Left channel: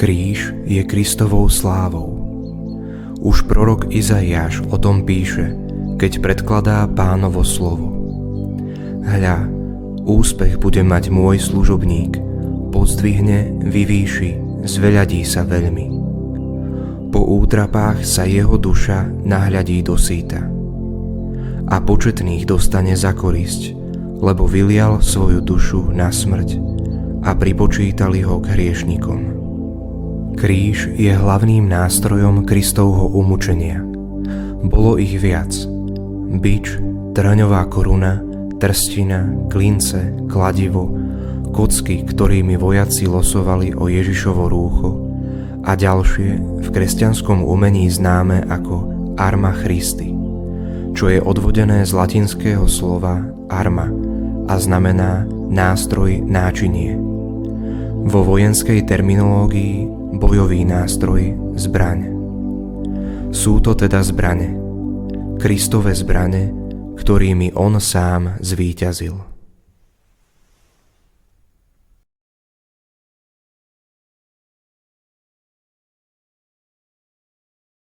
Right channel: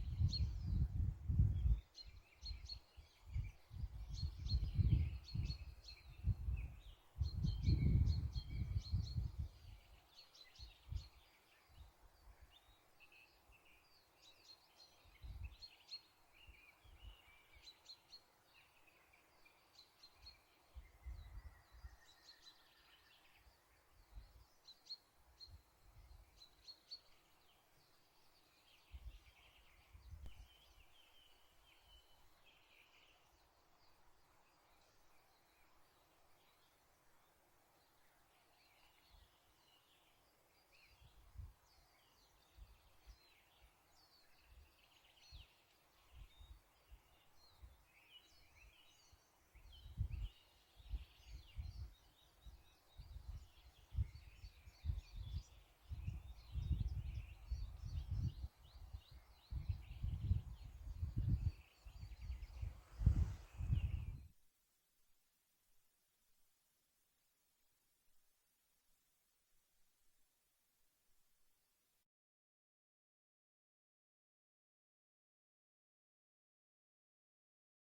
Kríž je Kristovou slávou. Už prorok Izaiáš o tom píše, keď predkladá Pánovo slovo. Hľa, úspech bude mať môj služobník, pozdvihne, vyvýši, zveľadí sa veľmi. Po útrapách sa jeho duša nahľadí do síta. A početných dostane za korisť, lebo vylial svoju dušu na smrť a pripočítali ho k hriešnikom. Kríž je hlavným nástrojom Kristovho umučenia. Bolo ich viac. Bič, trňová koruna, trstina, klince, kladivo, kocky, ktorými vojaci losovali o Ježišovo rúcho a ďalšie v kresťanskom umení známe ako arma Christi, čo je odvodené z latinského slova arma a znamená nástroj, náčinie. Vo vojenskej terminológii bojový nástroj, zbraň. Sú to teda zbrane, Kristove zbrane, ktorými on sám zvíťazil.